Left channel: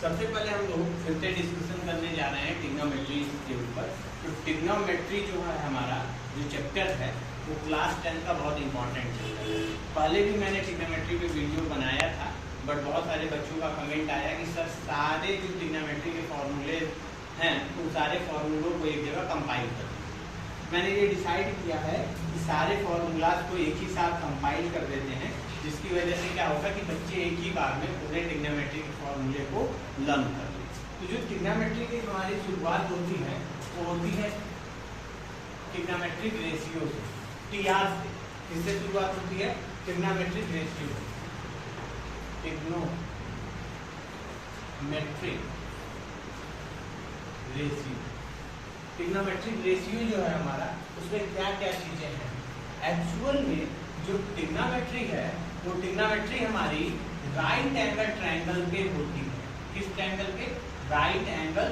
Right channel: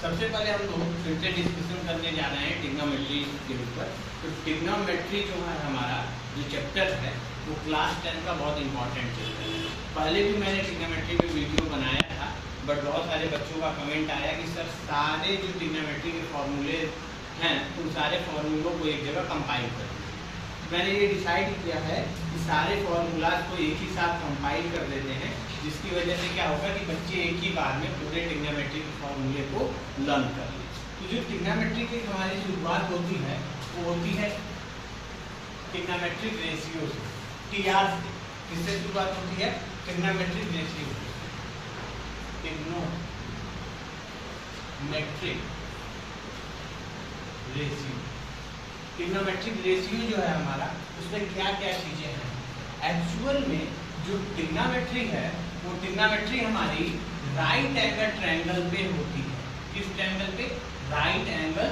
सबसे पहले हम लोग फिर से डिस्कशन करने जा रहे हैं ट्रिग्नोमेट्री के ऊपर। तो ट्रिग्नोमेट्री जो है हमारा जो चैप्टर है वो क्लास 10 का बहुत इंपॉर्टेंट चैप्टर है। पहले भी मैंने ट्रिग्नोमेट्री पे वीडियो बनाया था, बट बहुत सारे बच्चों का कमेंट आया कि सर सारे जो ट्रिग्नोमेट्री के फॉर्मूले हैं उन सारे फॉर्मूलों को एक जगह कंपाइल कर दीजिए। मैंने ये डिसाइड किया है कि सारे फॉर्मूलाज को एक ही साथ कंपाइल कर देते हैं, जिसकी वजह से क्या होगा कि बच्चे एक ही बार में पूरे ट्रिग्नोमेट्री के फॉर्मूले को लर्न कर ले। तो जो ट्रिग्नोमेट्री की हमारी शुरुआत होती है वो होती है ट्रिग्नोमेट्रिक रेशियो से, टीआर से। किससे शुरुआत होती है? Trigonometric ratio. Trigonometric ratio, trigonometric ratio जो है हमारा, उसमें क्या क्या चीजें हैं। एक्चुअल में जो ट्रिग्नोमेट्री है वो ट्रिग्नोमेट्री हमारी राइट एंगल ट्रायंगल पे होती है। किस ट्रायंगल पे? राइट एंगल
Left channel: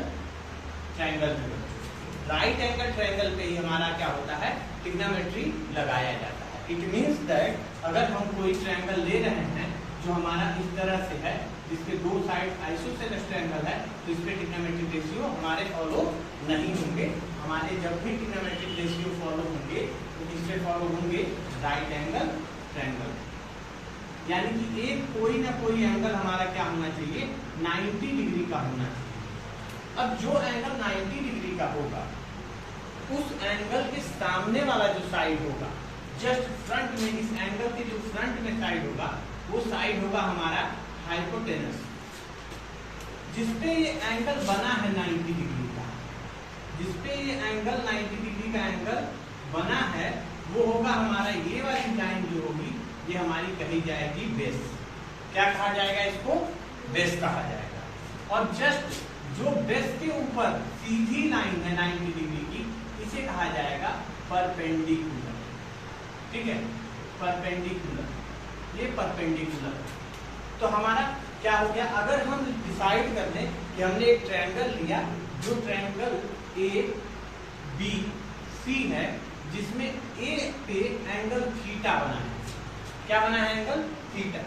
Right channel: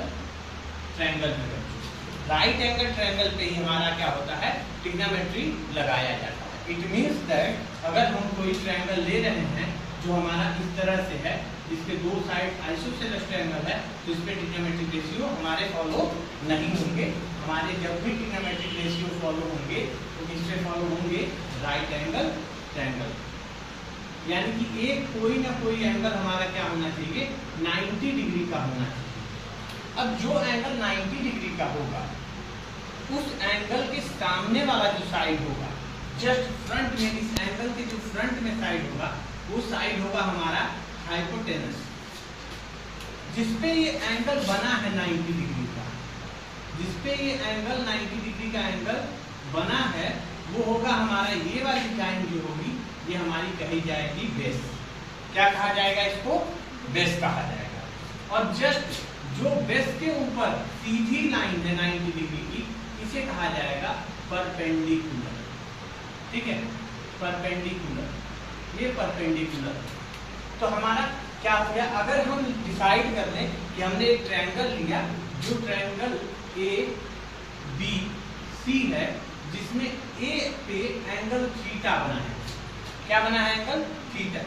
ट्रायंगल पे होती है। राइट एंगल ट्रायंगल पे ही हमारा क्या होता है? ट्रिग्नोमेट्री लगाया जाता है। इट मीन्स दैट अगर हम कोई ट्रायंगल ले रहे हैं जो हमारा इस तरह से है, जिसके दो साइड आइसोसेलेस ट्रायंगल है, तो इस पे ट्रिग्नोमेट्रिक रेशियो हमारे फॉलो नहीं होंगे। हमारे जब भी ट्रिग्नोमेट्रिक रेशियो फॉलो होंगे तो किससे फॉलो होंगे? Right angle triangle. यानी कि एक कोई ना कोई एंगल हमारा क्या होना चाहिए? 90 डिग्री का होना चाहिए। अब जो एंगल 90 डिग्री का होगा उस एंगल के सामने वाला जो साइड होगा, जस्ट फ्रंट में, इस एंगल के जो फ्रंट में साइड होगा वो साइड होगा हमारा हाइपोटेनस, जिसपे ये एंगल बना है 90 डिग्री का। जिसपे ये एंगल 90 डिग्री का एंगल बना है वो होगा हमारा, ये वाली लाइन जो होगी ये हमारी कही जाएगी बेस। क्या कहा जाएगा इसको? बेस कहा जाएगा। और जस्ट जो बेस के ऊपर सीधी लाइन है 90 डिग्री की, इसे कहा जाएगा परपेंडिकुलर। ठीक है, परपेंडिकुलर, ये परपेंडिकुलर। तो हमारा क्या हो गया? अगर हम डिसाइड कर लें कि हमने एक ट्रायंगल लिया जो ट्रायंगल ए बी सी है, जिसमें ए पे एंगल थीटा बना है। क्या बना है? Angle theta.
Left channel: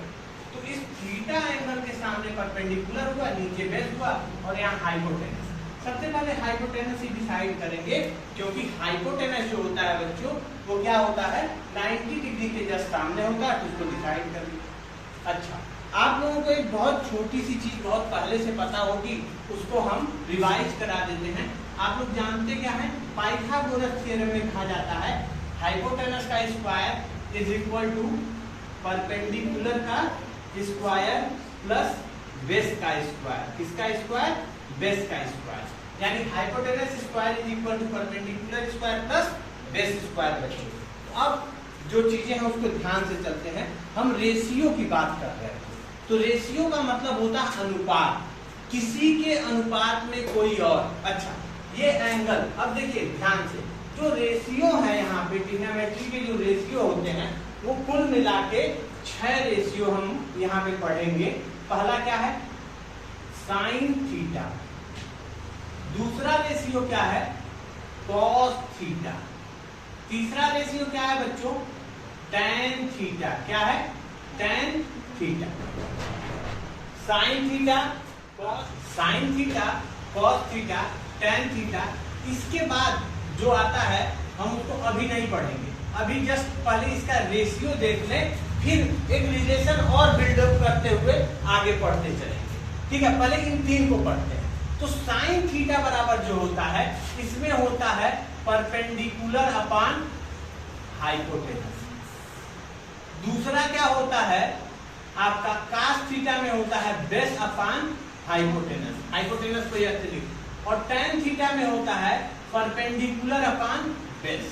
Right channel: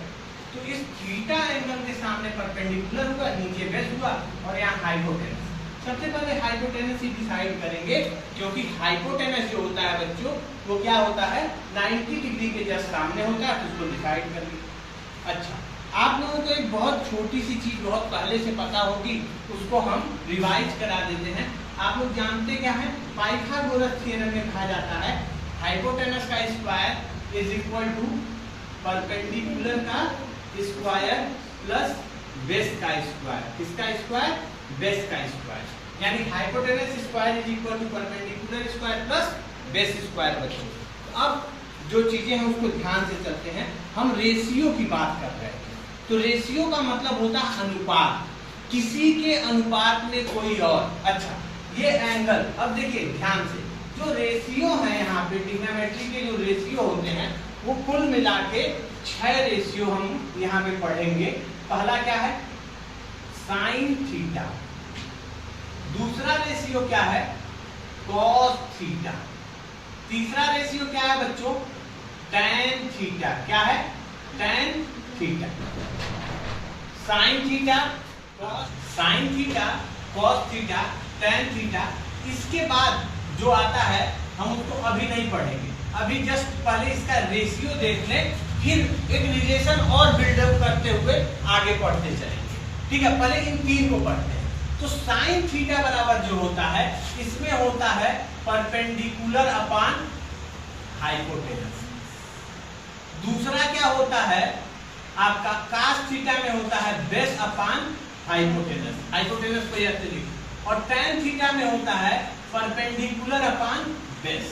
तो इस थीटा एंगल के सामने परपेंडिकुलर हुआ, नीचे बेस हुआ और यहाँ हाइपोटेनस। सबसे पहले हाइपोटेनस ही डिसाइड करेंगे, क्योंकि हाइपोटेनस जो होता है बच्चों वो क्या होता है? 90 डिग्री के जस्ट सामने होता है, तो उसको डिसाइड कर लिया। अच्छा, आप लोगों को एक बहुत छोटी सी चीज बहुत पहले से पता होगी, उसको हम रिवाइज करा देते हैं। आप लोग जानते क्या है? पाइथागोरस थ्योरम में कहा जाता है हाइपोटेनस का square is equal to perpendicular का स्क्वायर प्लस बेस का स्क्वायर। किसका स्क्वायर? बेस का स्क्वायर। यानी hypotenuse square is equal to perpendicular square plus base square. बच्चों, तो अब जो चीजें हैं उसको ध्यान से चलते हैं। हम रेशियो की बात कर रहे थे, तो रेशियो का मतलब होता है अनुपात, किसी के अनुपात में कोई और। अच्छा, ये एंगल, अब देखिए ध्यान से, जो रेशियो है यहाँ पे ट्रिग्नोमेट्री के जो रेशियो होते हैं वो कुल मिला के 6 रेशियो हम यहाँ पे पढ़ेंगे। पहला क्या है? Sine theta. दूसरा रेशियो क्या है? Cos theta. तीसरा रेशियो क्या है बच्चों? Tan theta. क्या है? Tan theta. Sine theta, sine theta, cos theta, tan theta. इसके बाद जो आता है हम उसको अभी नहीं पढ़ेंगे, अभी जस्ट पहले इसका रेशियो देख लें, फिर एक रिलेशन और बिल्डअप करते हुए आगे पढ़ते चलेंगे। ठीक है, पहले इन तीन को पढ़ते हैं। तो साइन थीटा बराबर जो होता है, इसमें होता है परपेंडिकुलर अपॉन हाइपोटेनस। दूसरा क्या होता है आपका? कास थीटा में होता है बेस अपॉन हाइपोटेनस। हाइपोटेनस को ऐसे लिखो। और टैन थीटा में होता है परपेंडिकुलर अपॉन बेस।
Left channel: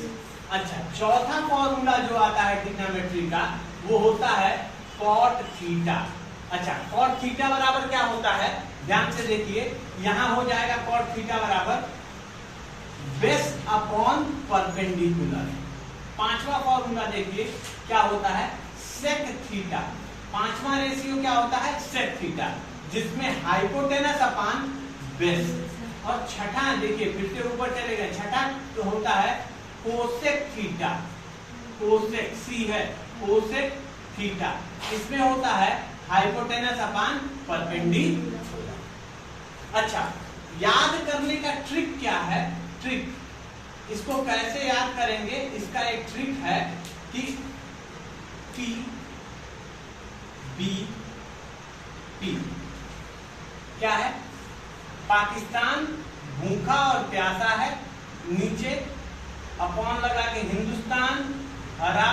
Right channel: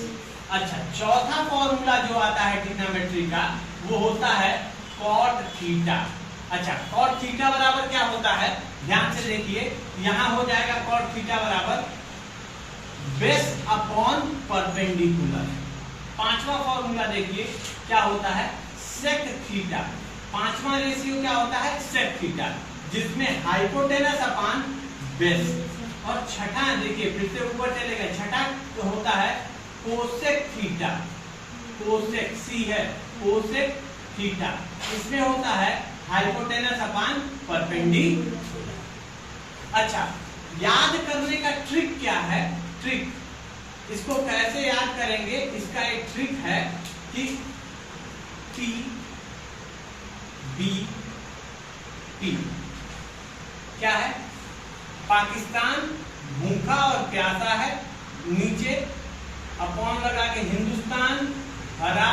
अच्छा, चौथा फॉर्मूला जो आता है ट्रिग्नोमेट्री का वो होता है कॉट थीटा। अच्छा, कॉट थीटा बराबर क्या होता है? ध्यान से देखिए, यहां हो जाएगा कॉट थीटा बराबर बेस अपॉन परपेंडिकुलर। पांचवा फॉर्मूला देखिए क्या होता है? Sec theta. पांचवा रेशियो क्या होता है? सेक थीटा, जिसमें हाइपोटेनस अपॉन बेस। और छठा देखिए, फिर से ऊपर चले गए, छठा तो होता है कोसेक थीटा। कोसेक, सी है, कोसेक थीटा। इसमें होता है हाइपोटेनस अपॉन परपेंडिकुलर। अच्छा, याद करने का ट्रिक क्या है? ट्रिक इसको कैसे याद करेंगे, इसका एक ट्रिक है कि पी बी पी क्या है? पाकिस्तान भूखा और प्यासा है, नीचे अपॉन लगा के हिंदुस्तान हरा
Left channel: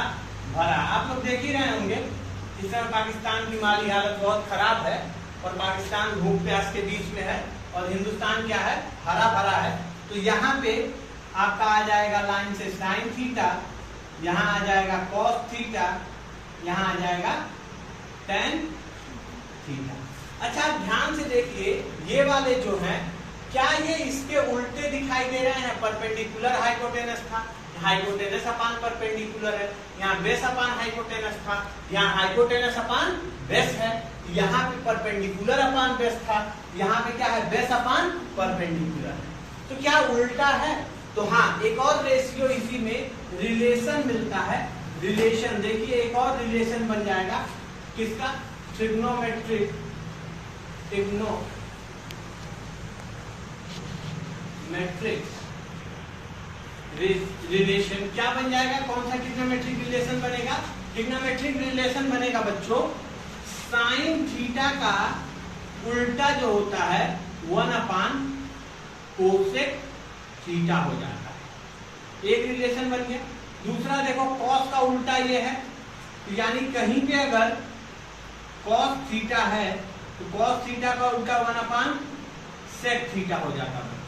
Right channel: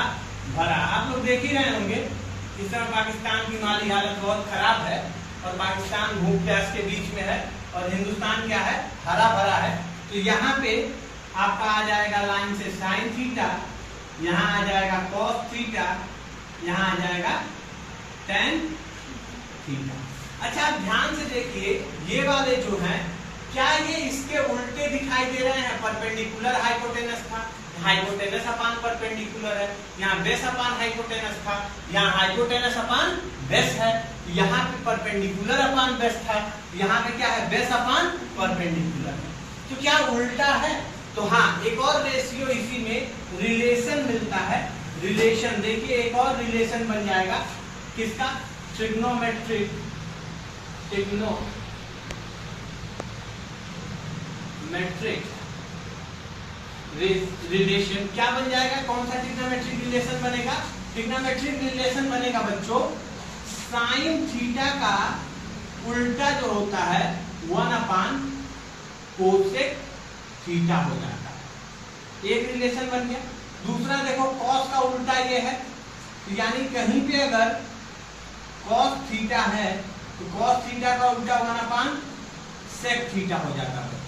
भरा। आप लोग देख ही रहे होंगे इस समय पाकिस्तान की माली हालत बहुत खराब है और पाकिस्तान भूख प्यास के बीच में है और हिंदुस्तान क्या है? हरा भरा है। तो यहाँ पे आपका आ जाएगा लाइन से साइन थीटा, यहाँ आ जाएगा कॉस थीटा, यहाँ आ जाएगा टेन थीटा। अच्छा, ध्यान से देखिए, ये वाले जो हैं क्या ये इसके उल्टे दिखाई दे रहे हैं? परपेंडिकुलर हाइपोटेनस था, हाइपोटेनस अपान परपेंडिकुलर है, यहाँ बेस अपान हाइपोटेनस था, यहाँ हाइपोटेनस अपान बेस है, यहाँ पे परपेंडिकुलर अपान बेस था, यहाँ पे क्या है? बेस अपान परपेंडिकुलर है। तो क्या उल्टा है? तो हाँ, एक और रेशियो इसी में रिलेशन मिलता है। रिलेशन देखिए, एक और रिलेशन बन जाएगा किसका? ट्रिग्नोमेट्रिक रिलेशन क्या बन जाएगा? कौन सा ट्रिग्नोमेट्रिक रिलेशन बनेगा? ट्रिग्नोमेट्रिक रिलेशन बनेगा बच्चों, साइन थीटा का उल्टा जो होता है 1 अपान कोसेक थीटा हो जाता है। एक रिलेशन बन गया। दूसरा देखो, कॉस का उल्टा ये है, यानी कहीं पे अगर कॉस थीटा है तो कॉस थीटा का उल्टा 1 अपान सेक थीटा हो जाता है।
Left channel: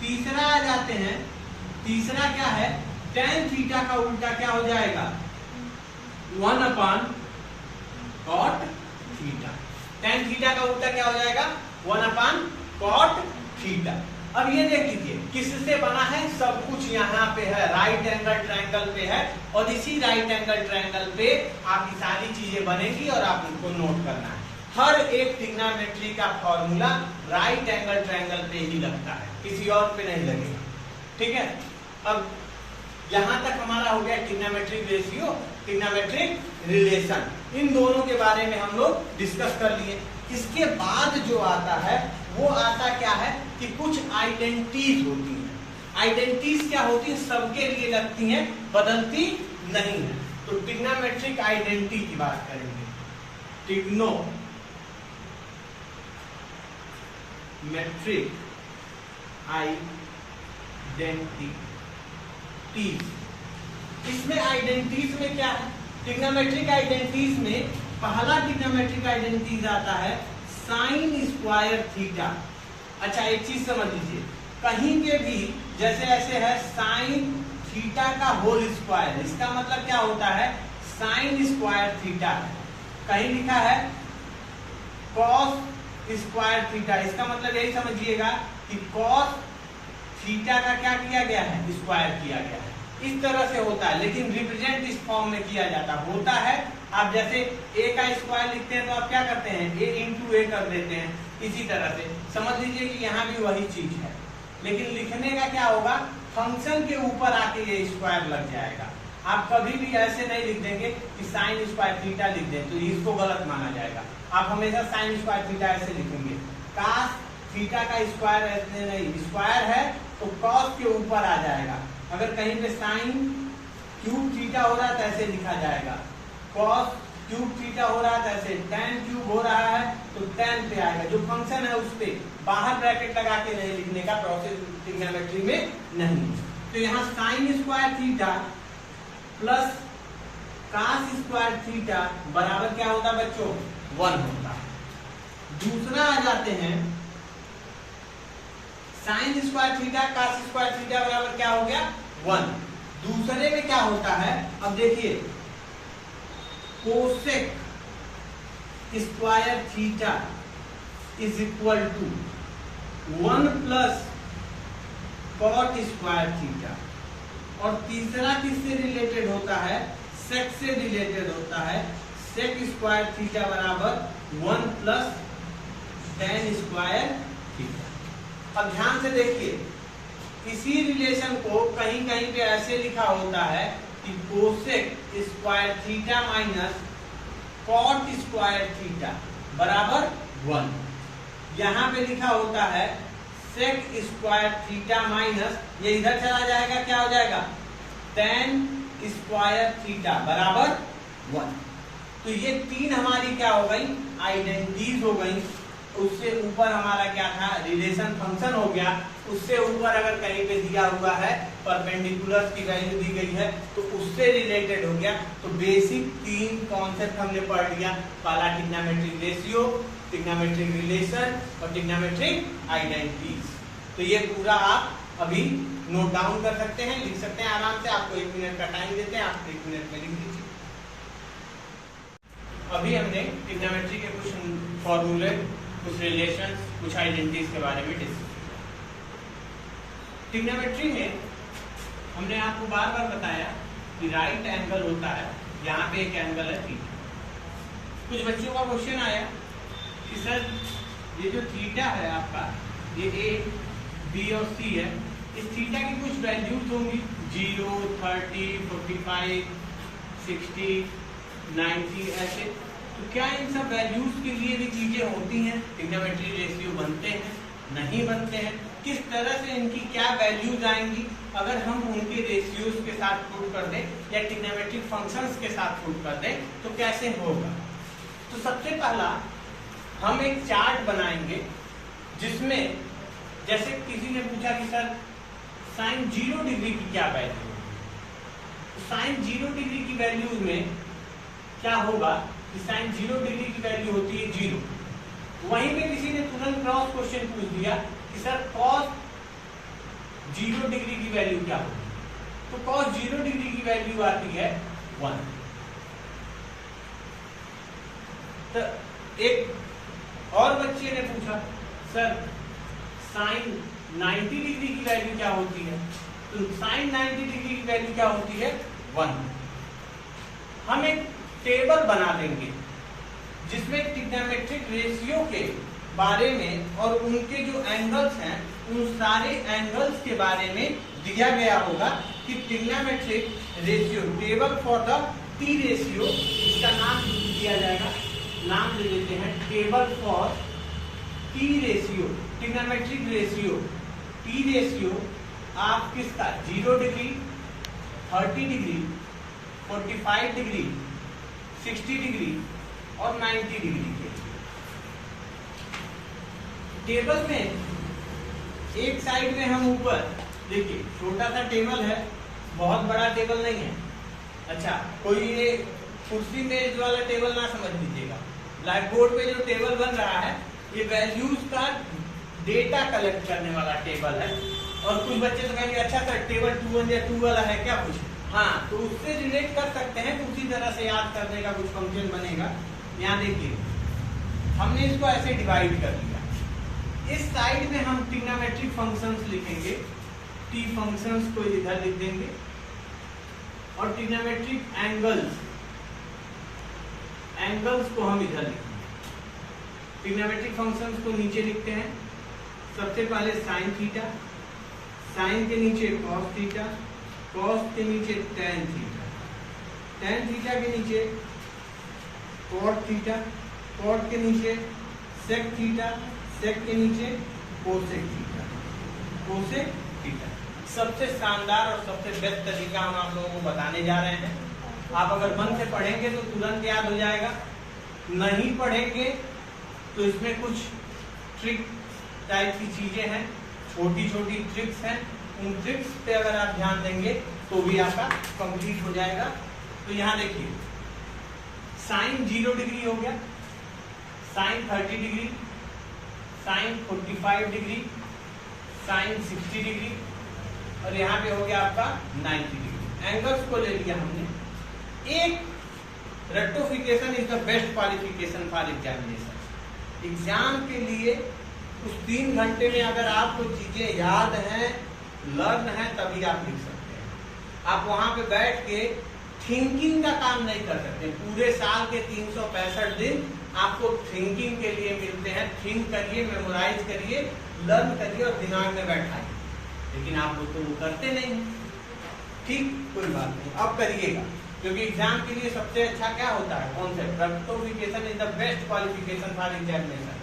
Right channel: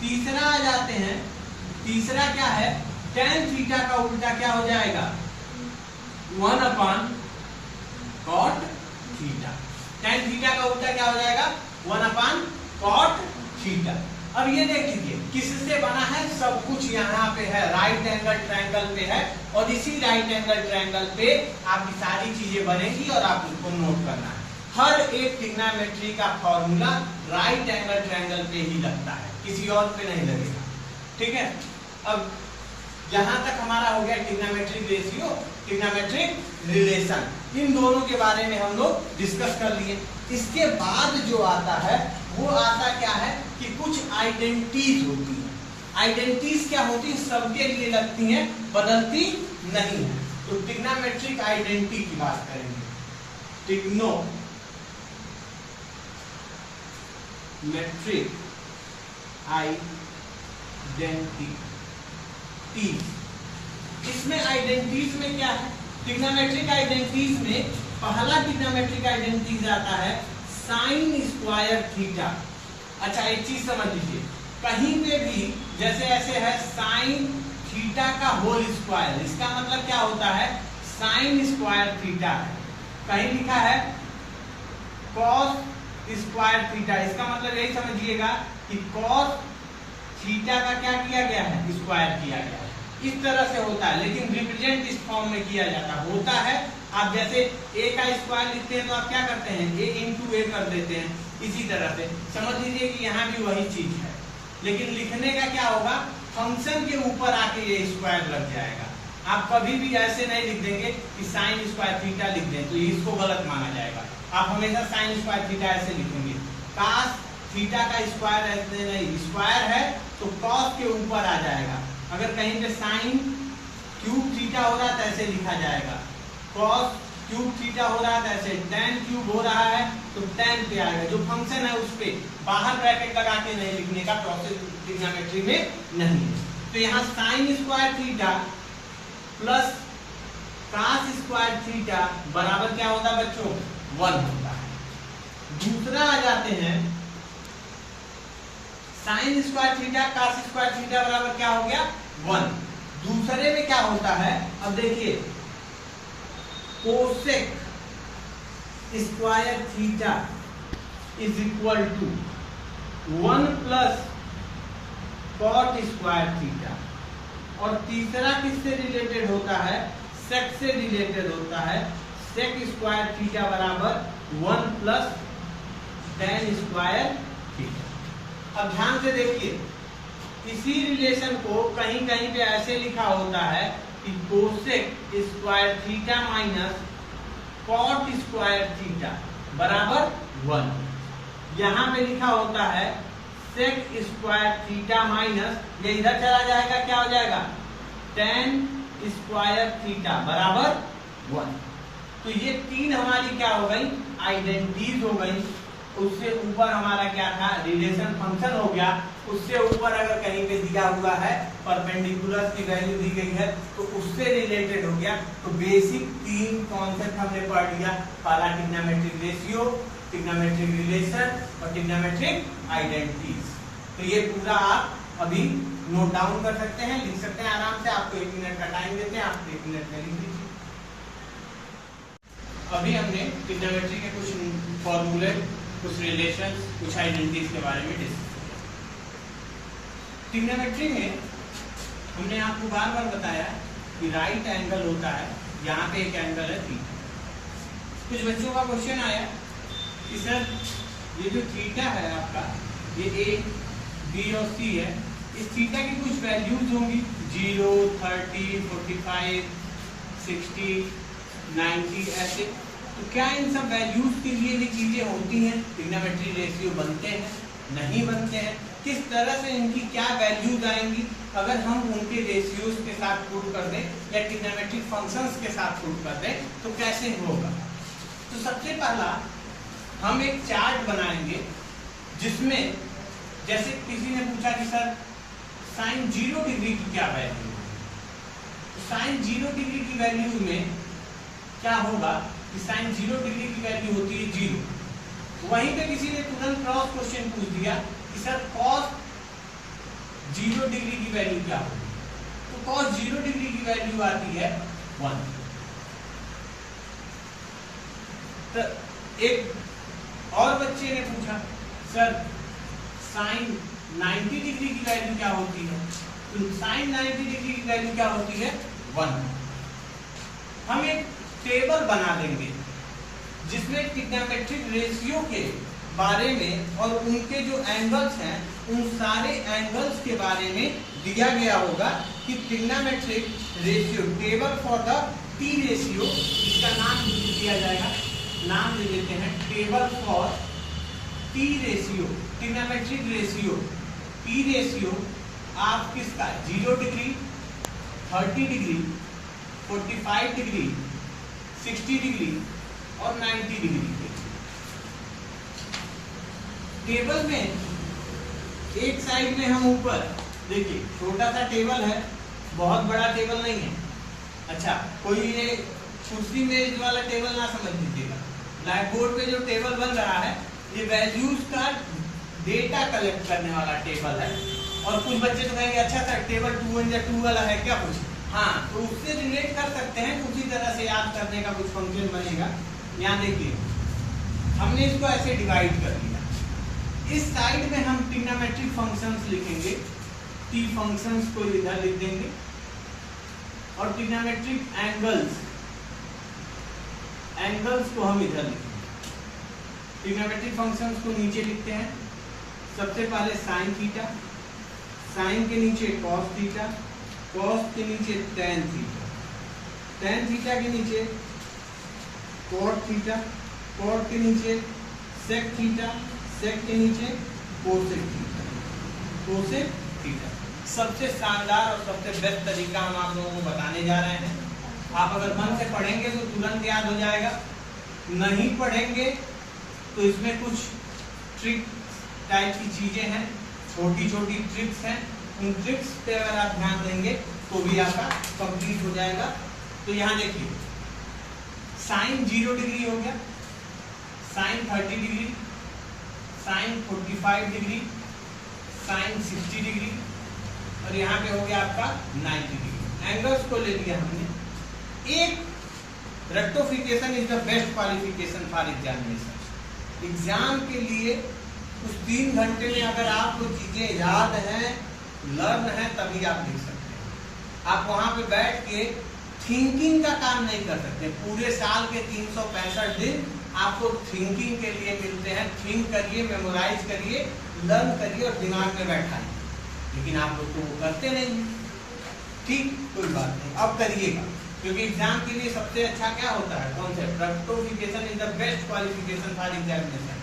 तीसरा आ जाते हैं, तीसरा क्या है? टेन थीटा का उल्टा क्या हो जाएगा? 1 अपान कॉट थीटा। टेन थीटा का उल्टा क्या हो जाएगा? 1 अपान कॉट थीटा। अब ये देख लीजिए किससे बना है? सब कुछ यहाँ पे है, राइट एंगल ट्रायंगल पे है और इसी राइट एंगल ट्रायंगल पे आपकी सारी चीजें बनेगी और आप उनको नोट करना है। हर एक ट्रिग्नोमेट्री का फॉर्मूला राइट एंगल ट्रायंगल पे ही लगता है, किसी और पे नहीं लगेगा। ठीक है, अब यहां तक हमारा हो गया ट्रिग्नोमेट्रिक रेशियो, ट्रिग्नोमेट्रिक रिलेशन। इन दोनों के बारे में हम लोग डिस्कस कर लिए। इसके बाद जो आता है वो आता क्या है कि कुछ आइडेंटिटीज होती हैं। आइडेंटिटीज क्या होती है? सबके लिए लगती हैं, बदलती नहीं है। तो ट्रिग्नोमेट्रिक आइडेंटिटी की बात करेंगे। ट्रिग्नोमेट्रिक आइडेंटिटी, इसमें आइडेंटिटीज में क्या है? ट्रिग्नोमेट्रिक आइडेंटिटीज में पहला ट्रिग्नोमेट्रिक आइडेंटिटीज आता है साइन स्क्वायर थीटा। अच्छा, एक चीज समझ लीजिए, कहीं पे भी जैसे ऐसे है साइन थीटा का होल स्क्वायर, इसका मतलब क्या होता है? साइन स्क्वायर थीटा है। कहीं लिखा है कॉस स्क्वायर थीटा, इसका मतलब यही समझिएगा कि कॉस थीटा का क्या किया गया है? स्क्वायर किया गया है। इस तरह से होता है, लेकिन रिप्रेजेंट इस फॉर्म में किया जाता होता है। आप जैसे a का स्क्वायर लिखते हैं तो आप क्या करते हैं? a इंटू ए कर देते हैं। इसी तरह से समझ लीजिए कि यहाँ भी वही चीज है, लेकिन लिखने का क्या होगा? फंक्शन के ऊपर आके ये स्क्वायर लग जाएगा। आप कभी भी ऐसे नहीं लिख देंगे कि साइन स्क्वायर थीटा लिख दें, तो इसको गलत माना जाएगा। आप हमेशा साइन स्क्वायर थीटा ऐसे लिखेंगे। कास थीटा का स्क्वायर ऐसे नहीं, स्क्वायर है तो कॉस के ऊपर आ जाएगा। अगर कहीं पे साइन क्यूब थीटा हो रहा है तो ऐसे लिखा जाएगा, कॉस क्यूब थीटा हो रहा है तो ऐसे, tan क्यूब हो रहा है तो tan पे आएगा। जो फंक्शन है उस पे बाहर ब्रैकेट लगा के नहीं लिखने का प्रोसेस ट्रिग्नोमेट्री में नहीं है। तो यहाँ sine square theta plus cos square theta बराबर क्या होता है बच्चों? 1 होता है। दूसरा आ जाते हैं sine square theta cos square theta बराबर क्या हो गया? 1। दूसरे में क्या होता है? अब देखिए, cosec square theta is equal to 1 plus cot square theta. और तीसरा किससे रिलेटेड होता है? सेक से रिलेटेड होता है। सेक स्क्वायर थीटा बराबर 1 प्लस tan स्क्वायर थीटा। अब ध्यान से देखिए, इसी रिलेशन को कहीं कहीं पे ऐसे लिखा होता है कि cosec square theta minus cot square theta बराबर 1। यहाँ पे लिखा होता है सेक स्क्वायर थीटा माइनस, ये इधर चला जाएगा, क्या हो जाएगा टेन स्क्वायर थीटा बराबर 1। तो ये तीन हमारी क्या हो गई आइडेंटिटीज हो गई। उससे ऊपर हमारा क्या था रिलेशन फंक्शन हो गया। उससे ऊपर अगर कहीं पे दिया हुआ है परपेंडिकुलर की वैल्यू दी गई है तो उससे रिलेटेड हो गया। तो बेसिक तीन कॉन्सेप्ट हमने पढ़ लिया, पहला ट्रिग्नोमेट्रिक रेशियो, ट्रिग्नोमेट्रिक रिलेशन और ट्रिग्नोमेट्रिक आइडेंटिटीज। तो ये पूरा आप अभी नोट डाउन कर सकते हैं, लिख सकते हैं आराम से। आपको 1 मिनट का टाइम देते हैं, आप 1 मिनट में लिख दीजिए। अभी हमने ट्रिग्नोमेट्री के कुछ फॉर्मूले, कुछ रिलेशंस, कुछ आइडेंटिटीज के बारे में डिस्कस किया। ट्रिग्नोमेट्री में हमने आपको बार बार बताया कि राइट एंगल होता है, यहाँ पे एक एंगल है थीटा। कुछ बच्चों का क्वेश्चन आया कि सर ये जो थीटा है आपका, ये ए बी और सी है, इस थीटा की कुछ वैल्यूज होंगी 0, 30, 45, 60, 90 ऐसे। तो क्या इन सब वैल्यूज के लिए भी चीजें होती हैं, ट्रिग्नोमेट्री रेशियो बनते हैं नहीं बनते हैं, किस तरह से इनकी क्या वैल्यूज आएंगी अगर हम उनके रेशियोज के साथ प्रूव कर दें या ट्रिग्नोमेट्रिक फंक्शंस के साथ प्रूव कर दें तो कैसे होगा। तो सबसे पहला हम एक चार्ट बनाएंगे जिसमें जैसे किसी ने पूछा कि सर साइन 0 डिग्री की क्या वैल्यू है, तो साइन 0 डिग्री की वैल्यू में क्या होगा कि साइन 0 डिग्री की वैल्यू होती है 0। वहीं पे किसी ने तुरंत क्रॉस क्वेश्चन पूछ दिया कि सर cos 0 डिग्री की वैल्यू क्या होगी, तो cos 0 डिग्री की वैल्यू आती है 1। तो एक और बच्चे ने पूछा सर साइन 90 डिग्री की वैल्यू क्या होती है, तो साइन 90 डिग्री की वैल्यू क्या होती है 1। हम एक टेबल बना देंगे जिसमें ट्रिग्नोमेट्रिक रेशियो के बारे में और उनके जो एंगल्स हैं उन सारे एंगल्स के बारे में दिया गया होगा कि trigonometric ratio table for the T ratio, इसका नाम दिया जाएगा, नाम ले लेते हैं table for T ratio, trigonometric ratio T ratio आप किसका 0 डिग्री, 30 डिग्री, 45 डिग्री, 60 डिग्री और 90 डिग्री के टेबल में एक साइड में हम ऊपर देखिए छोटा सा टेबल है, बहुत बड़ा टेबल नहीं है। अच्छा, कोई ये कुर्सी मेज वाला टेबल ना समझ लीजिएगा। ब्लैक बोर्ड पे जो टेबल बन रहा है ये वैल्यूज का डेटा कलेक्ट करने वाला टेबल है। और कुछ बच्चे तो कहेंगे अच्छा सर टेबल 2 या 2 वाला है क्या कुछ, हाँ तो उससे रिलेट कर सकते हैं, उसी तरह से याद करने का कुछ फंक्शन बनेगा। यहाँ देखिए हमने इसको ऐसे डिवाइड कर लिया, इस साइड में हम ट्रिग्नोमेट्रिक फंक्शंस लिखेंगे, टी फंक्शंस को इधर लिख देंगे और ट्रिग्नोमेट्रिक एंगल्स को हम इधर लिखेंगे। ट्रिग्नोमेट्रिक फंक्शंस को नीचे लिखते हैं, सबसे पहले साइन थीटा, साइन के नीचे कॉस थीटा, कॉस के नीचे टेन थीटा, टेन थीटा के नीचे कॉट थीटा, कॉट के नीचे सेक थीटा, सेक के नीचे कोसेक थीटा, कोसेक थीटा। सबसे शानदार और सबसे बेस्ट तरीका हम आप लोगों को बताने जा रहे हैं। आप अगर मन से पढ़ेंगे तो तुरंत याद हो जाएगा, नहीं पढ़ेंगे तो इसमें कुछ ट्रिक टाइप की चीजें हैं, छोटी छोटी ट्रिक्स हैं, उन ट्रिक्स पे अगर आप ध्यान देंगे तो भी आपका कंप्लीट हो जाएगा। तो यहाँ देखिए साइन 0 डिग्री हो गया, sine 30 degree, sine 45 degree, sine 60 degree और यहाँ पे हो गया आपका 90 डिग्री। एंगल्स को ले लिया हमने। एक rectification is the best qualification for examination. Exam के लिए उस 3 घंटे में अगर आपको चीजें याद हैं, लर्न है, तभी आप लिख सकते हैं। आप वहां पे बैठ के थिंकिंग का काम नहीं कर सकते। पूरे साल के 365 दिन आपको थिंकिंग के लिए मिलते हैं। थिंक करिए, मेमोराइज करिए, लर्न करिए और दिमाग में बैठाइए, लेकिन आप लोग तो वो करते नहीं। ठीक, कोई बात नहीं, अब करिएगा, क्योंकि एग्जाम के लिए सबसे अच्छा क्या होता है, concept. Rectification is the best qualification for examination.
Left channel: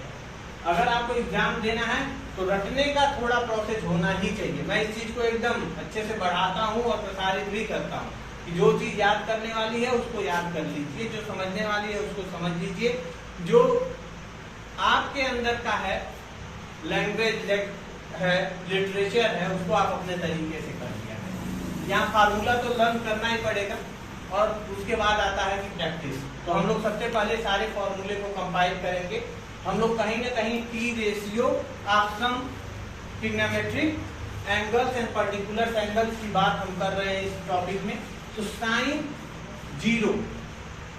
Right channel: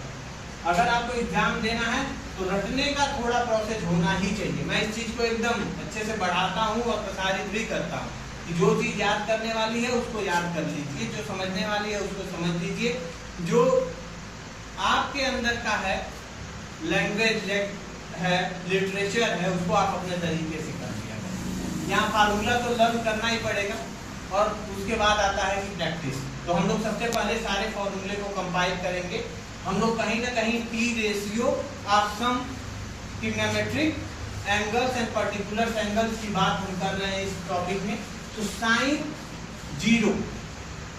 अगर आपको एग्जाम देना है तो रटने का थोड़ा प्रोसेस होना ही चाहिए। मैं इस चीज को एकदम अच्छे से बढ़ाता हूँ और प्रसारित भी करता हूँ कि जो चीज याद करने वाली है उसको याद कर लीजिए, जो समझने वाली है उसको समझ लीजिए, जो आपके अंदर का है लैंग्वेज है, लिटरेचर है, उसको आप अपने तरीके से कर लिया करें। यहाँ फार्मूला तो लर्न करना ही पड़ेगा और उसके बाद आता है कि प्रैक्टिस। तो हम लोग सबसे पहले सारे फॉर्मूले को कंपाइल करेंगे। हम लोग कहीं ना कहीं पी ratio of some trigonometric angles and particular angles की बात हम कर रहे हैं इस टॉपिक में। तो साइन 0,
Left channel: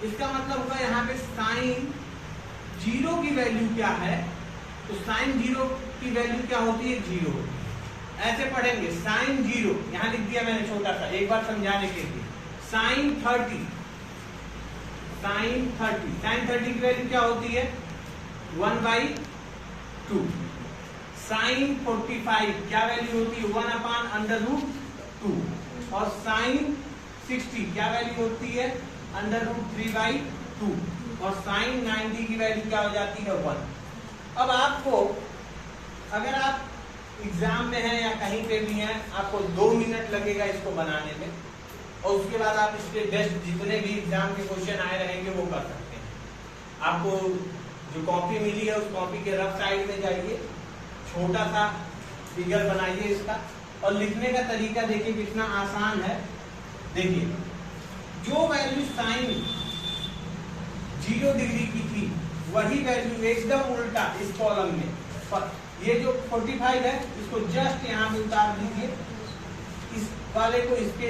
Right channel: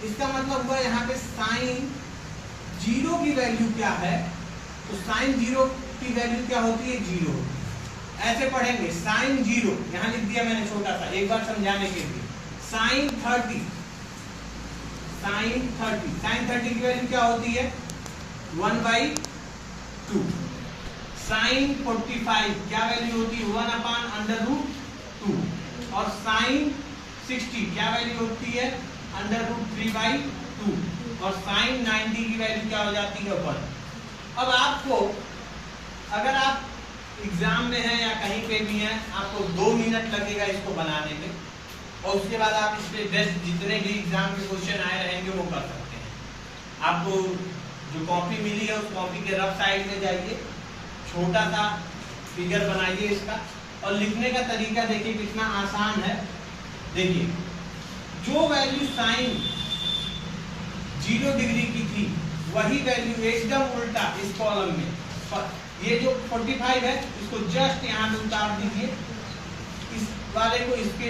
इसका मतलब हुआ यहाँ पे साइन 0 की वैल्यू क्या है? तो साइन 0 की वैल्यू क्या होती है? 0 होती है। ऐसे पढ़ेंगे साइन 0, यहाँ लिख दिया मैंने छोटा सा, एक बार समझाने के लिए। साइन 30, साइन 30 की वैल्यू क्या होती है? 1/2। साइन 45 क्या वैल्यू होती है? 1/√2। और साइन 60 क्या वैल्यू होती है? √3/2। और साइन 90 की वैल्यू क्या हो जाती है? 1। अब आपको अगर आप एग्जाम में हैं या कहीं पे भी हैं, आपको 2 मिनट लगेगा इसको बनाने में, और उसके बाद आप इस पे बेस्ट जितने भी एग्जाम के क्वेश्चन आए रहेंगे वो कर सकते हैं। आपको जो कॉपी मिली है उस कॉपी के रफ साइड में जाइए, छोटा सा फिगर बनाइए इसका, और लिखने का तरीका देखिए कितना आसान है। देखिए जो वैल्यू साइन 0 डिग्री की थी वही वैल्यू एकदम उल्टा इस कॉलम में, ये जो 45 है इसको जस्ट यहाँ पे उतार दीजिए, इस वाले को इसके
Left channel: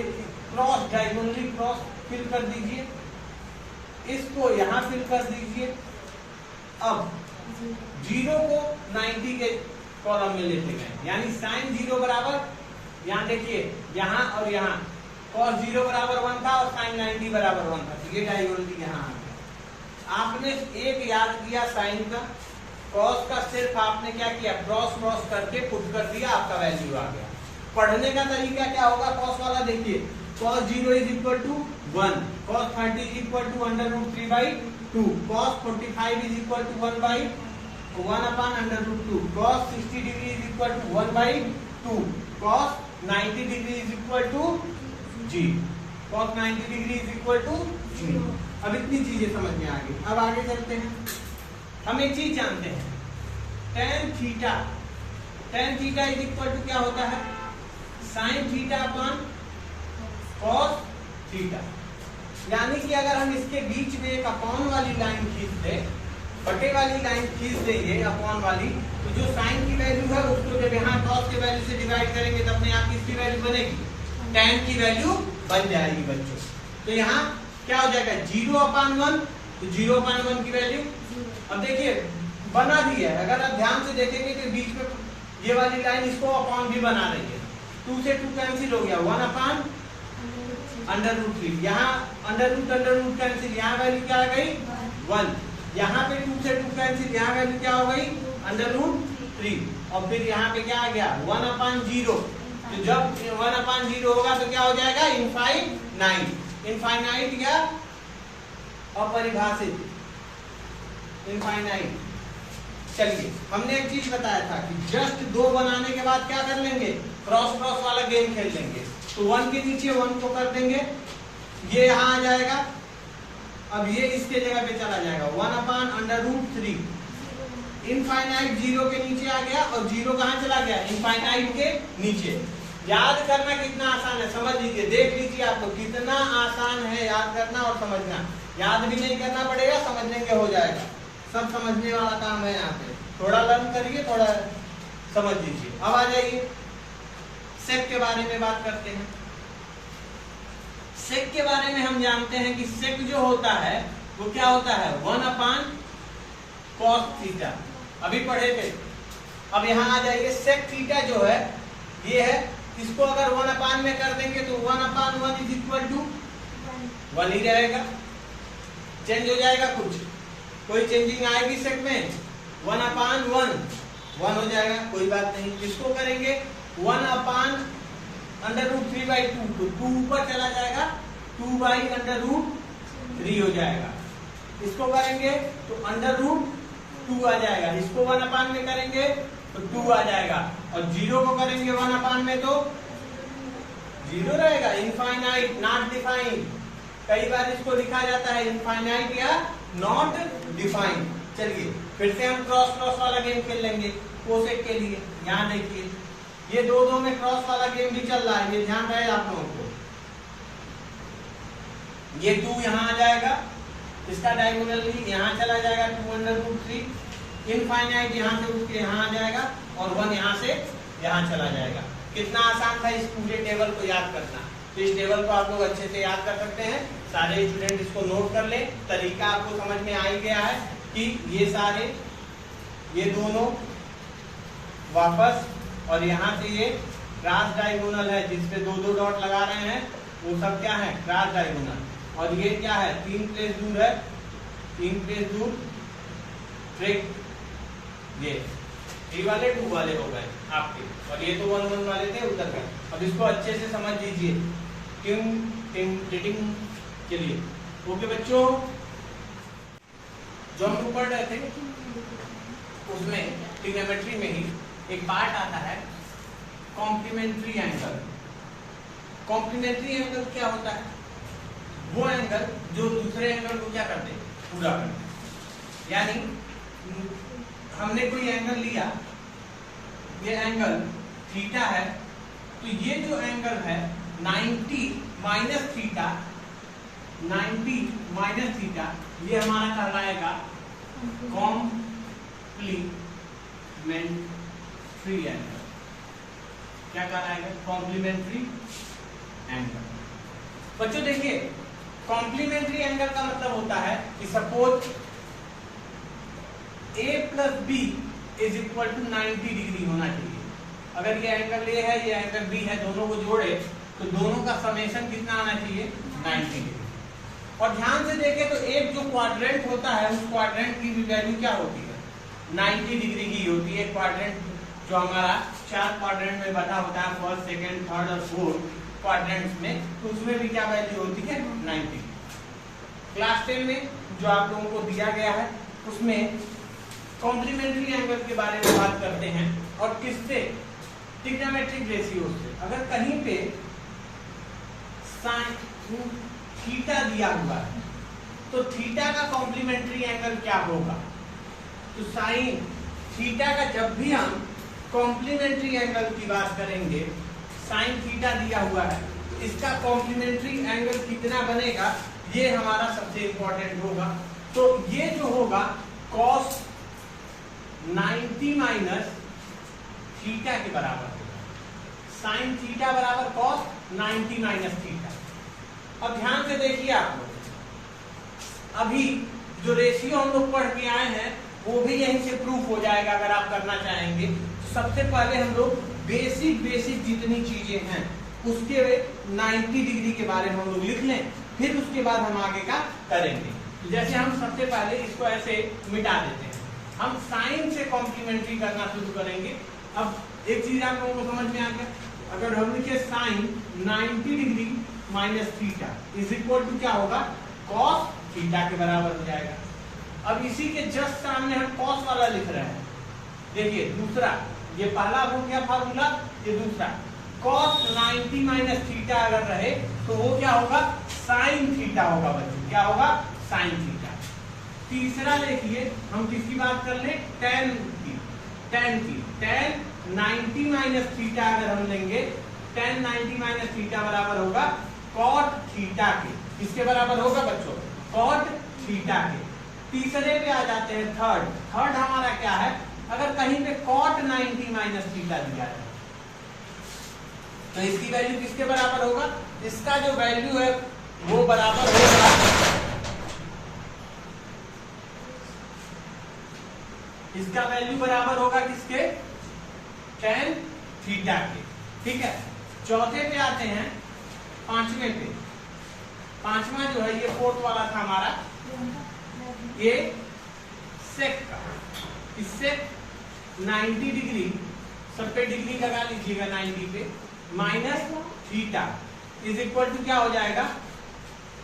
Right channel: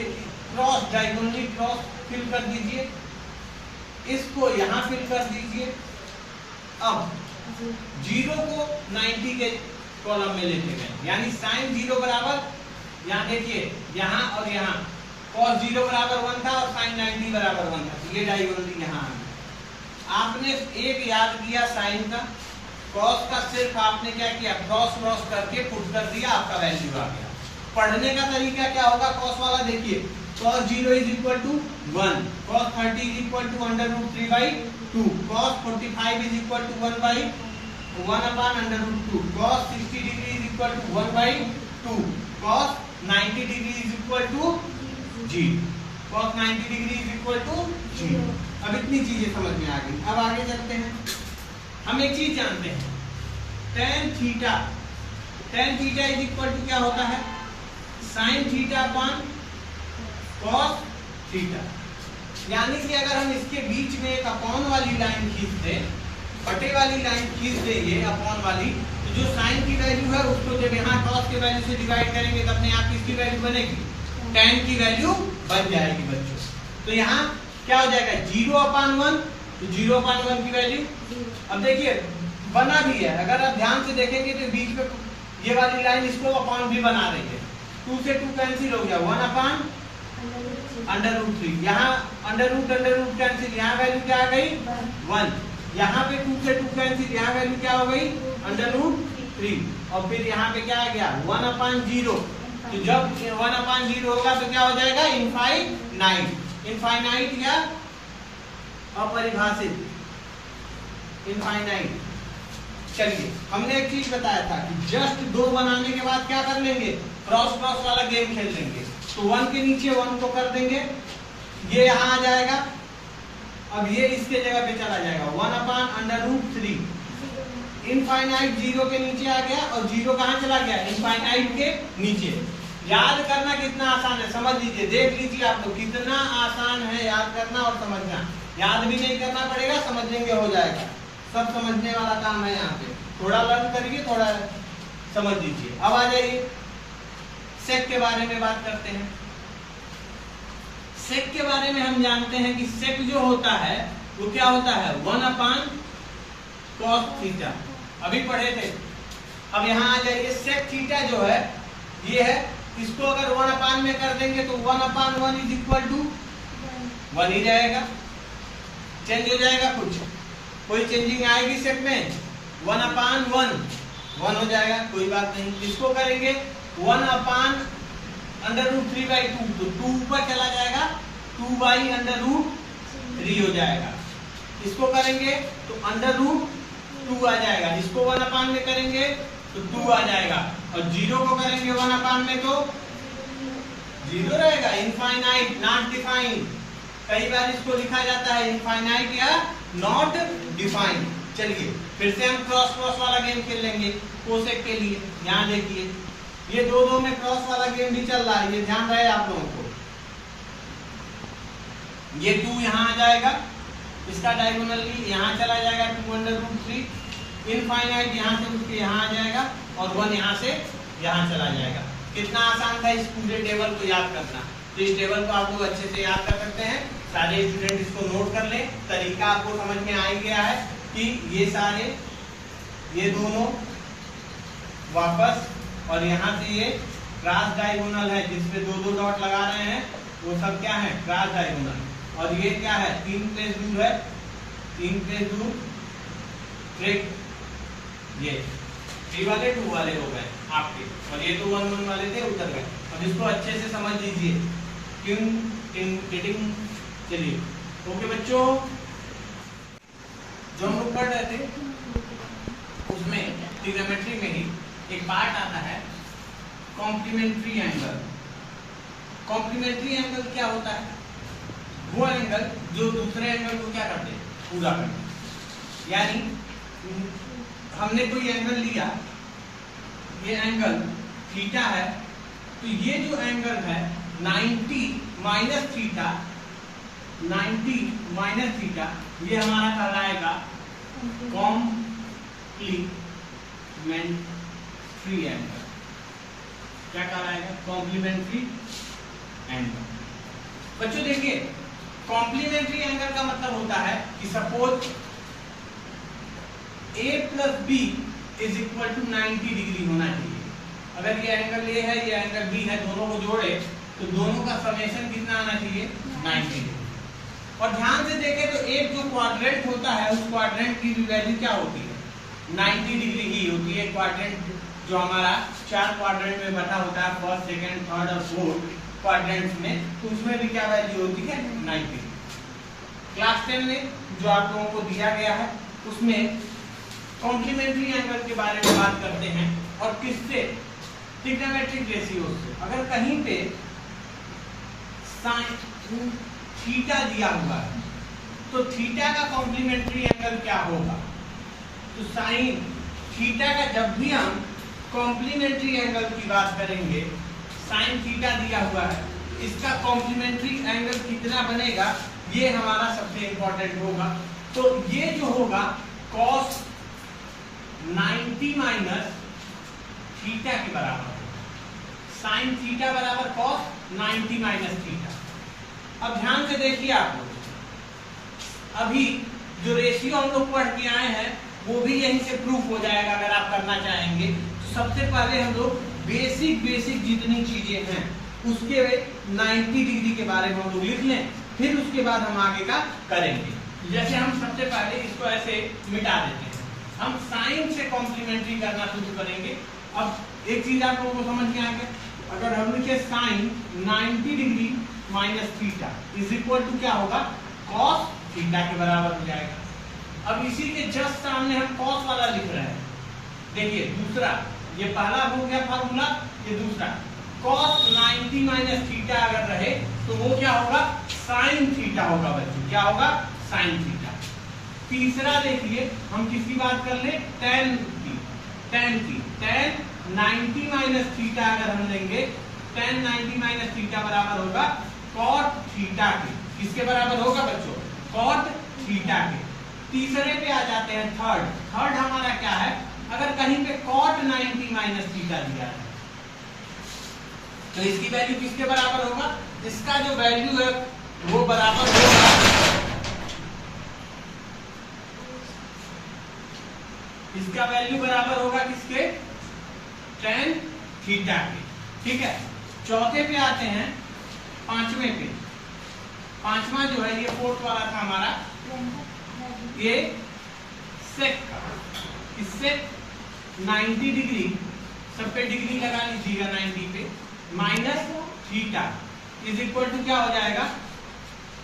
क्रॉस डायगोनली क्रॉस फिल कर दीजिए, इसको यहाँ फिल कर दीजिए। अब 0 को 90 के कॉलम में लेते गए, यानी साइन 0 बराबर, यहाँ देखिए यहाँ और यहाँ cos 0 बराबर 1 था और साइन 90 बराबर 1 था, तो ये डायगोनली यहाँ आ गया। आपने एक याद किया साइन का, cos का सिर्फ आपने क्या किया? क्रॉस करके पुट कर दिया, आपका वैल्यू आ गया। पढ़ने का तरीका क्या होगा? cos वाला देखिए, cos 0 is equal to 1, cos 30 is equal to √3/2, cos 45 is equal to 1/√2, cos 60 degree is equal to 1/2, cos 90 degree is equal to 0, cos 90 degree is equal to 0। अब इतनी चीजें समझ में आ गई। अब आगे चलते हैं। हम एक चीज जानते हैं, tan theta is equal to क्या होता है? sin theta upon cos theta. यानी कि अगर हम इसके बीच में एक अपॉन वाली लाइन खींच दें, बटे वाली लाइन खींच देंगे अपॉन वाली, तो जो sin की वैल्यू है उसको जब यहाँ cos की वैल्यू से डिवाइड करेंगे तब अपने आप किसकी वैल्यू बनेगी? tan की वैल्यू बन जाएगी बच्चों। तो यहाँ क्या हो जाएगा? 0/1, तो 0/1 की वैल्यू। अब देखिए बना भी है, अगर आप ध्यान से देखेंगे तो बीच में ये वाली लाइन इसको अपॉन भी बना रही है। 2 से 2 कैंसिल हो गया, 1/√3। यहाँ अंडर रूट कैंसिल, यहाँ वैल्यू क्या आ गई? 1। यहाँ पे 2 से 2 कैंसिल, यहाँ वैल्यू क्या हो गई? √3। और फिर यहाँ पे क्या आ गया? 1/0। तो जब 1/0 होगा तो क्या हो जाएगा? इनफाइनाइट या अपरिभाषित, इनफाइनाइट। चलिए हमने एक चीज बताया था कि जस्ट 2 बनाने के बाद क्या कर लेंगे? क्रॉस वाला गेम खेल लेंगे। तो 1 के नीचे 1 को कर देंगे, ये यहाँ आ जाएगा। अब ये इसके जगह पे चला जाएगा, 1/√3। इनफाइनाइट 0 के नीचे आ गया, और 0 कहाँ चला गया? इनफाइनाइट के नीचे। याद करना कितना आसान है, समझ लीजिए, देख लीजिए आपको कितना आसान है याद करना और समझना। याद भी नहीं करना पड़ेगा, समझ लेंगे हो जाएगा। सब समझने वाला काम है यहाँ पे। थोड़ा लर्न करिए, थोड़ा समझ लीजिए। अब आ जाइए सेक के बारे में बात करते हैं। सेक के बारे में हम जानते हैं कि सेक जो होता है वो क्या होता है? 1/cos थीटा, अभी पढ़े थे। अब यहाँ आ जाइए, सेक थीटा जो है ये है, इसको अगर 1/1 में कर देंगे तो 1/1 इज इक्वल टू 1 ही रहेगा। चेंज हो जाएगा कुछ? कोई चेंजिंग आएगी सेक में? 1/1 1 हो जाएगा, कोई बात नहीं। इसको करेंगे 1/√3/2, तो 2 ऊपर चला जाएगा, 2/√3 हो जाएगा। इसको करेंगे तो √3 2 आ जाएगा। इसको 1/, में करेंगे तो 2 आ जाएगा, और 0 को करेंगे 1/, में तो 0 रहेगा। इनफाइनाइट, नॉट डिफाइंड, कई बार इसको लिखा जाता है इनफाइनाइट या नॉट डिफाइंड। चलिए फिर से हम क्रॉस क्रॉस वाला गेम खेल लेंगे कोसेक के लिए। यहाँ देखिए ये 2-2 में क्रॉस वाला गेम भी चल रहा है, ये ध्यान रहे आप लोगों को। ये 2 यहाँ आ जाएगा, इसका डायगोनल भी यहाँ चला जाएगा 2√3, इनफाइनाइट यहाँ से उसके यहाँ आ जाएगा, और 1 यहाँ से यहाँ चला जाएगा। कितना आसान था इस पूरे टेबल को याद करना। तो इस टेबल को आप लोग अच्छे से याद कर सकते हैं। सारे स्टूडेंट इसको नोट कर ले, तरीका आपको समझ में आ ही गया है कि ये सारे, ये दोनों वापस, और यहाँ से ये क्रॉस डायगोनल है जिसपे 2-2 डॉट लगा रहे हैं, वो सब क्या है, क्रॉस डायगोनल। और ये क्या है, 3 प्लेस दूर है, 3 प्लेस दूर ट्रिक। ये 3 वाले 2 वाले हो गए आपके, और ये तो 1-1 वाले थे, उतर गए। अब इसको अच्छे से समझ लीजिए। चलिए ओके बच्चों, जो हम लोग पढ़ रहे थे उसमें ट्रिग्नोमेट्री में ही एक पार्ट आता है कॉम्प्लीमेंट्री एंगल। कॉम्प्लीमेंट्री एंगल क्या होता है, वो एंगल जो दूसरे एंगल को क्या करते हैं, पूरा करते। यानी हमने कोई एंगल लिया, ये एंगल थीटा है, तो ये जो एंगल है 90 माइनस थीटा, 90 माइनस थीटा, ये हमारा कहलाएगा कॉम्प्लीमेंट्री एंगल। क्या कहलाएगा, कॉम्प्लीमेंट्री एंगल। बच्चों देखिए, कॉम्प्लीमेंट्री एंगल का मतलब होता है कि सपोज A + B = 90 डिग्री होना चाहिए। अगर ये एंगल A है, ये एंगल B है, दोनों को जोड़े तो दोनों का समेशन कितना आना चाहिए, 90 डिग्री। और ध्यान से देखें तो एक जो क्वाड्रेंट होता है, उस क्वाड्रेंट की वैल्यू क्या होती है, 90 डिग्री ही होती है। क्वाड्रेंट जो हमारा 4 क्वाड्रेंट में बटा होता है, फर्स्ट, सेकंड, थर्ड और फोर्थ क्वाड्रेंट्स में, तो उसमें भी क्या वैल्यू होती है, 90। क्लास 10 में जो आप लोगों को दिया गया है उसमें कॉम्प्लीमेंट्री एंगल के बारे में बात करते हैं, और किससे, ट्रिग्नोमेट्रिक रेशियो से। अगर कहीं पे साइन थीटा दिया हुआ है तो थीटा का कॉम्प्लीमेंट्री एंगल क्या होगा, तो साइन थीटा का, जब भी हम कॉम्प्लीमेंट्री एंगल की बात करेंगे, साइन थीटा दिया हुआ है, इसका कॉम्प्लीमेंट्री एंगल कितना बनेगा, ये हमारा सबसे इंपॉर्टेंट होगा। तो ये जो होगा cos 90 माइनस थीटा के बराबर होगा। साइन थीटा बराबर cos 90 माइनस थीटा। अब ध्यान से देखिए आप लोग, अभी जो रेशियो हम लोग पढ़ के आए हैं वो भी यहीं से प्रूफ हो जाएगा अगर आप करना चाहेंगे। तो सबसे पहले हम लोग बेसिक जितनी चीजें हैं उसके 90 डिग्री के बारे में हम लोग लिख लें, फिर उसके बाद हम आगे का करेंगे। जैसे हम सबसे पहले इसको ऐसे मिटा देते हैं, हम साइन से कॉम्प्लीमेंट्री करना शुरू करेंगे। अब एक चीज आप लोगों को समझ में आ गया, अगर हम लिखे साइन 90 डिग्री माइनस थीटा = क्या होगा, कॉस थीटा के बराबर हो जाएगा। अब इसी के जस्ट सामने हम कॉस वाला लिख रहे हैं। देखिए दूसरा, ये पहला हो गया फार्मूला, ये दूसरा cos 90 माइनस थीटा अगर रहे तो वो क्या होगा, साइन थीटा होगा बच्चों। क्या होगा, साइन थीटा। तीसरा देखिए, हम किसकी बात कर ले, tan की। tan 90 माइनस थीटा अगर हम लेंगे, tan 90 माइनस थीटा बराबर होगा cot थीटा के। किसके बराबर होगा बच्चों, cot थीटा के। तीसरे पे आ जाते हैं, थर्ड हमारा क्या है, अगर कहीं पे cot 90 माइनस थीटा दिया है तो इसकी वैल्यू किसके बराबर होगा, इसका जो वैल्यू है वो बराबर होगा, इसका वैल्यू बराबर होगा किसके, tan थीटा के। ठीक है, चौथे पे आते हैं, पांचवें पे। पांचवा जो है ये फोर्थ वाला था हमारा, ये सेक का। इससे 90 डिग्री, सब पे डिग्री लगा लीजिएगा 90 पे, माइनस थीटा = क्या हो जाएगा,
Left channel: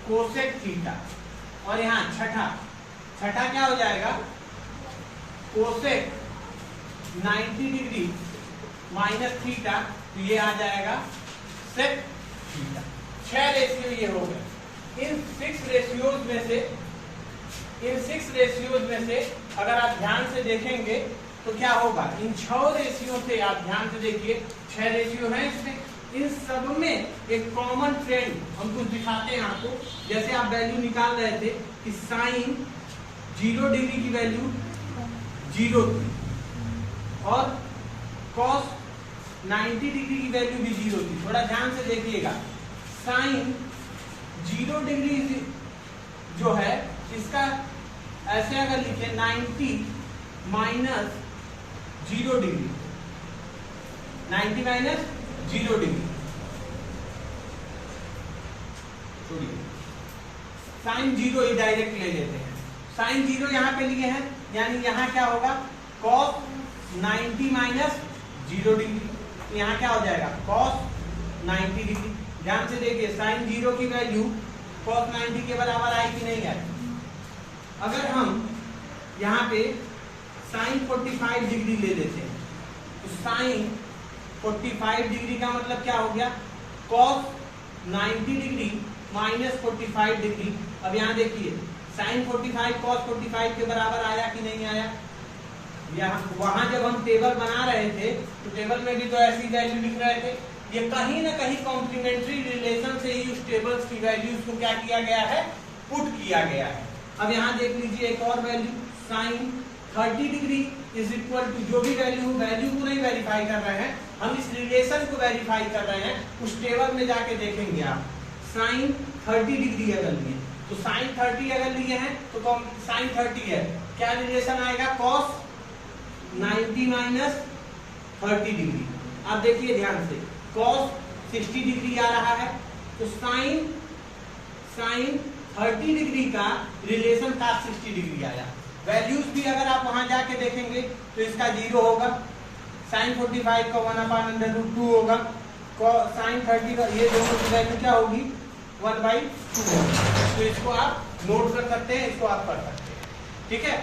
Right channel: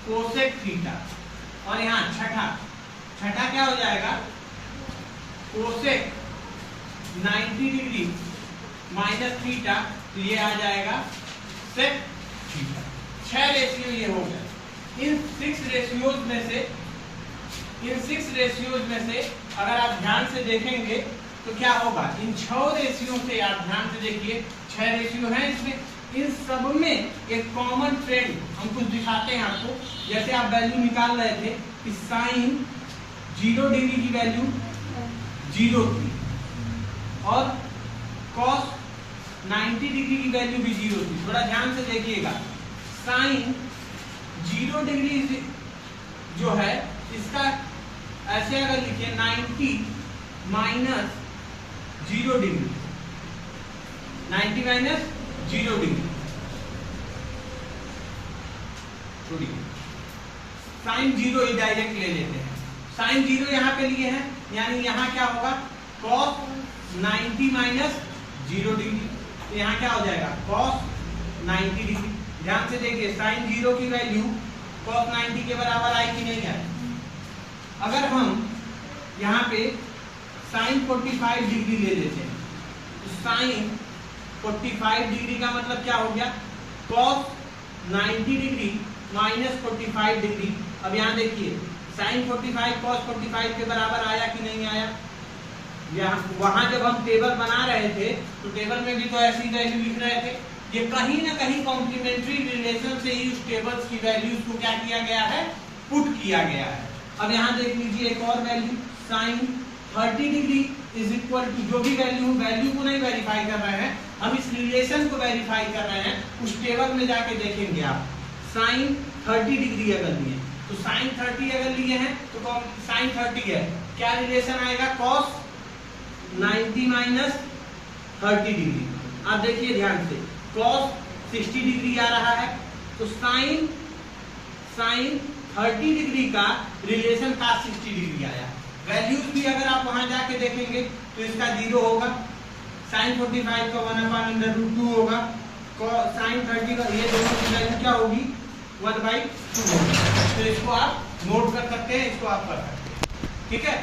कोसेक थीटा। और यहाँ छठा क्या हो जाएगा, कोसेक 90 डिग्री माइनस थीटा, तो ये आ जाएगा सेक थीटा। 6 रेशियो ये हो गए। इन 6 रेशियोज में से अगर आप ध्यान से देखेंगे तो क्या होगा, इन 6 रेशियो से आप ध्यान से देखिए, 6 रेशियो हैं इसमें, इन सब में एक कॉमन ट्रेंड हम कुछ दिखाते हैं आपको। जैसे आप वैल्यू निकाल रहे थे कि साइन 0 डिग्री की वैल्यू 0 थी और कॉस 90 डिग्री की वैल्यू भी 0 थी। थोड़ा ध्यान से देखिएगा, साइन 0 डिग्री जो है इसका ऐसे अगर लिखे 90 माइनस 0 डिग्री, 90 माइनस 0 डिग्री, छोड़िए साइन 0 ही डायरेक्ट ले लेते हैं। साइन 0 यहाँ पे लिए हैं, यानी यहाँ क्या होगा, कॉस 90 माइनस 0 डिग्री, तो यहाँ क्या हो जाएगा, कॉस 90 डिग्री। ध्यान से देखिए, साइन 0 की वैल्यू कॉस 90 के बराबर आई कि नहीं आई। अगर हम यहाँ पे साइन 45 डिग्री ले लेते हैं, तो साइन 45 डिग्री का मतलब क्या हो गया, कॉस 90 डिग्री माइनस 45 डिग्री। अब यहाँ देखिए, साइन 45 कॉस 45 के बराबर आया कि नहीं आया। यहाँ वहां जब हम टेबल बना रहे थे तो टेबल में भी तो ऐसी वैल्यू लिख रहे थे। ये कहीं ना कहीं कॉम्प्लीमेंट्री रिलेशन से ही उस टेबल्स की वैल्यूज को क्या किया गया है, पुट किया गया है। अब यहाँ देख लीजिए एक और value, sine 30 degree is equal to, जो भी वैल्यू को नहीं वेरीफाई कर रहे हैं, हम इस रिलेशन को वेरीफाई कर रहे हैं। उस टेबल में जाके देखेंगे आप, साइन 30 डिग्री अगर लिए तो साइन 30 अगर लिए हैं तो साइन 30 है, क्या रिलेशन आएगा, कॉस 90 माइनस 30 डिग्री। आप देखिए ध्यान से, कॉस 60 डिग्री आ रहा है, तो साइन 30 डिग्री का रिलेशन था 60 डिग्री आया। वैल्यूज भी अगर आप वहां जाके देखेंगे तो इसका 0 होगा, साइन 45 का 1/√2 होगा, साइन 30 का ये दोनों की वैल्यू क्या होगी, 1/2 होगी। तो इसको आप नोट कर सकते हैं, इसको आप कर सकते हैं, ठीक है।